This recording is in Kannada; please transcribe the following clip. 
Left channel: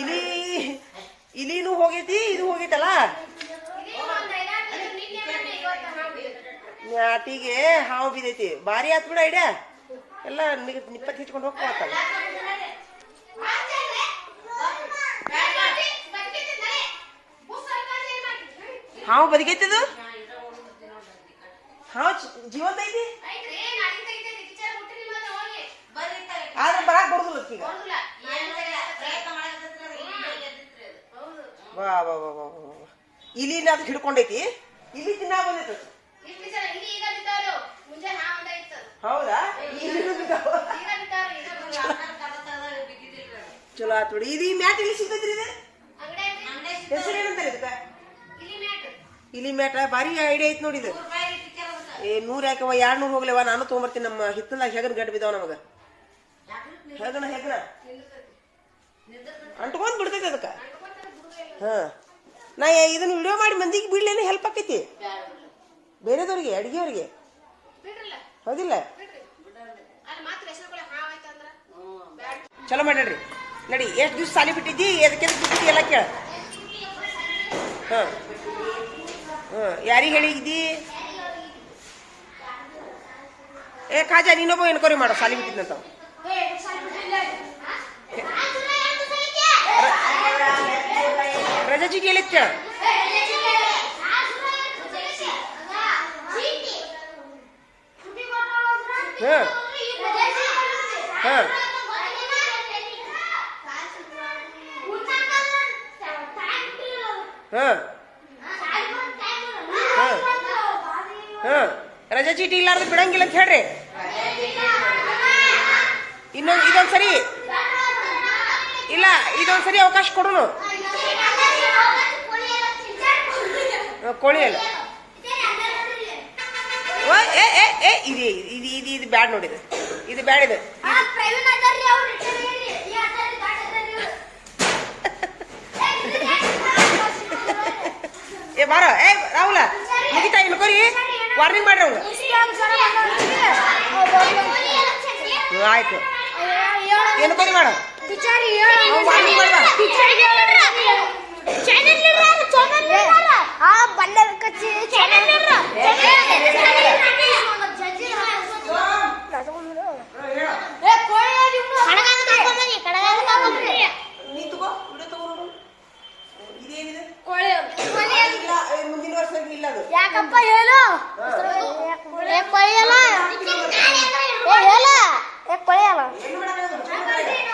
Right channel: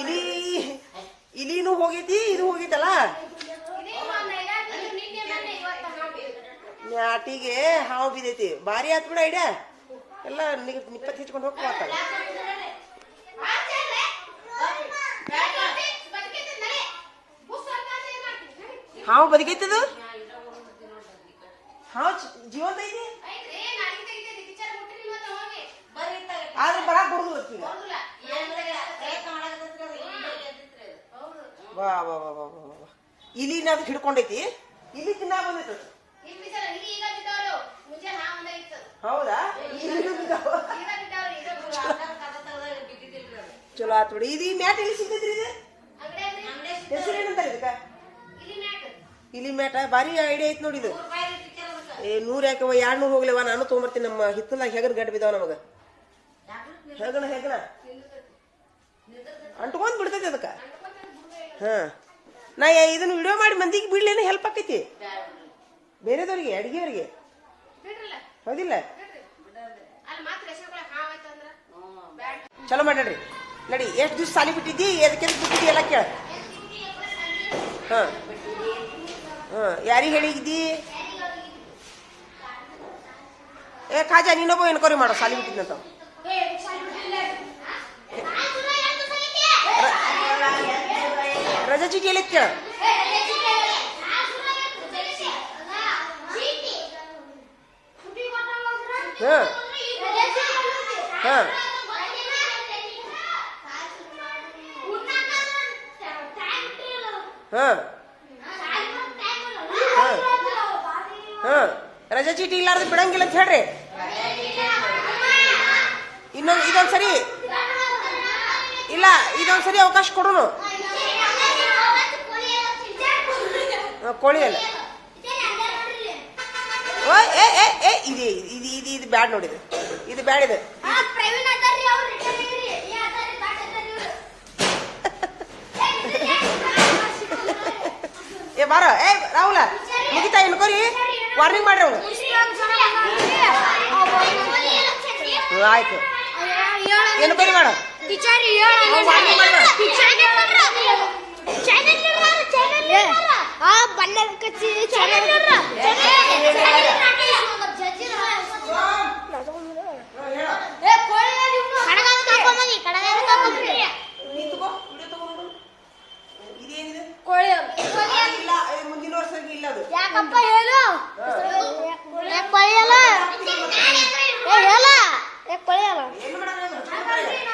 ಇಲಿ ಇಲಿನೂ ಹೋಗೈತಿ ಇದು ಹೋಗೈತಲ್ಲ? ನಾಟಿಗೆ ಹಾವು ಬಿದ್ದೈತಿ. ಭಾರಿ ಆತ್ ಬಿಡ ಐಡಿಯಾ. ಎಲ್ಲ ನಿಪ್ಪತ್ತು ಹಿಚ್ಕೊಂಡು ಹೋಗ್ತಾವ ಹಾವು ಬದುಕೈತಿದು? ಹಾವು ಜೀವಂತ ಐತಿ? ಆದ್ರೆ ಬರಾಕ್ ಬರುದಿಲ್ಲ ಈಗ. ವಾ ವಾ ವಾ ವಾ ವಾ ವಾ. ಇಲಿನ ಅದಕ್ಕೆ ಹಿಡ್ಕೊಂಡೈತಿ? ಇಲಿ ತಿನ್ನ ಬಂದೈತೆ ಹೌದಾ. ಚಲೋ. ಆತ್ ಬಿಡಿ. ಇದು ಮ್ಯಾಟ್ ಇಲ್ಲಿ ಸಿಗ್ತೈತ್ರಿ ಇದು? ಹೆಸರು ಏನಂತಾರೆ ಇದಕ್ಕ? ಇಲಿ ಮ್ಯಾಟ. ಭಾರಿ ಐಡಿಯಾ ಐತಿ ನೋಡಿ ಇದು. ಏ ನೂರ್ ಯಾಕವ ಎರಡ್ ನೂರು ಹೋಗ್ಲೇವ ನಾನು ತೊಗೊಂಬರ್ತೀನಿ. ನಮ್ಮ ಹಿತ್ತಲಾಗ ಹೆಗರ್ ಗಡ್ ಬಿದ್ದಾವ ನಮಗ. ಹೆಗಣ ಹೆಗಣ. ಅಂಟ್ಕೊಂಡ್ ಬಿಡ್ತೈತಿ ಅದಕ್ಕ. ಹಾ. ನಾ ಇದನ್ನ ವಿಡಿಯೋ ಮಾಡಿ ಮಂದಿಗೆ ಬಿಡ್ಲೇನು ಹೆಲ್ಪ್ ಆಕೈತಿ. ಬೇರೆದವ್ರಿಗೆ ಅಡಿಗೆಯವ್ರಿಗೆ. ಹೌದಿಲ್ಲ? ಚಲೋ ಮಾಡ್ರಿ ನಡಿ ಎಷ್ಟು ದಿವ್ಸ ಸಾಲಿ ಬಿಟ್ಟಿದ್ದಿ ಎದಕ್ಕೆ ಬಿಟ್ಟಿದ್ದಿ ಎಲ್ಲ ಕೇಳ. ಹಾ. ಹಾ. ಯಾರಿಗೆ ಹೇಳಿದ್ದಿ? ಏ ಕಾಜಾ ನೀನೊಬ್ಬ ಎನ್ಕ್ವೈರಿ ಮಾಡೋ ಸಾಲಿ ಬಿಟ್ಟಿದ್ನಂತ. ಎಲ್ಲ ಕೇಳ ಹಾ ಹಾ ಹಾ ಹಾ ರಜಾ ಚೀಟಿ ಇಲ್ಲಾರ್ದು ಬಿಡಂಗಿಲ್ಲ ಅಂತ ಹೇಳ್ರಿ. ಇನ್ನೊಂದ್ ಇದೊಂದ್ ಸರಿ ಇಲ್ಲ ಇದೊಂದ್ ಸರಿ ಅವಕಾಶ ಕೊಡುನು. ಕೋಳಿ ಅಲ್ಲ. ಓ, ಏ ಏ ಏ ಇದು ಇದು ಇದು ಇದು ಬ್ಯಾಡ್ ನೋಡಿದು ಇದು. ಬ್ಯಾಡ್ ಇದು. ಏ ಬಾರ ಏ ರಾಹುಲ ಮುಗಿತಾ ಕೊರಿ? ವಾರ್ನಿಂಗ್ ಮಾಡ್ರಿ ಅವ್ನು ಆಯ್ತು. ಆಯ್ತು ಬರಿ ಮಾಡ? ವಾರ್ನಿಂಗ್ ಮಾಡ್ದ ನೀ ತಗೋ ವಿಡಿಯೋ ತಗೋ ನೋಡು ಇಲ್ಲ ಮುಂದಿನ ವರ್ಷ ಇಲ್ಲ ಅದು. ಯಾಕಪ್ಪ ಹೇಳು?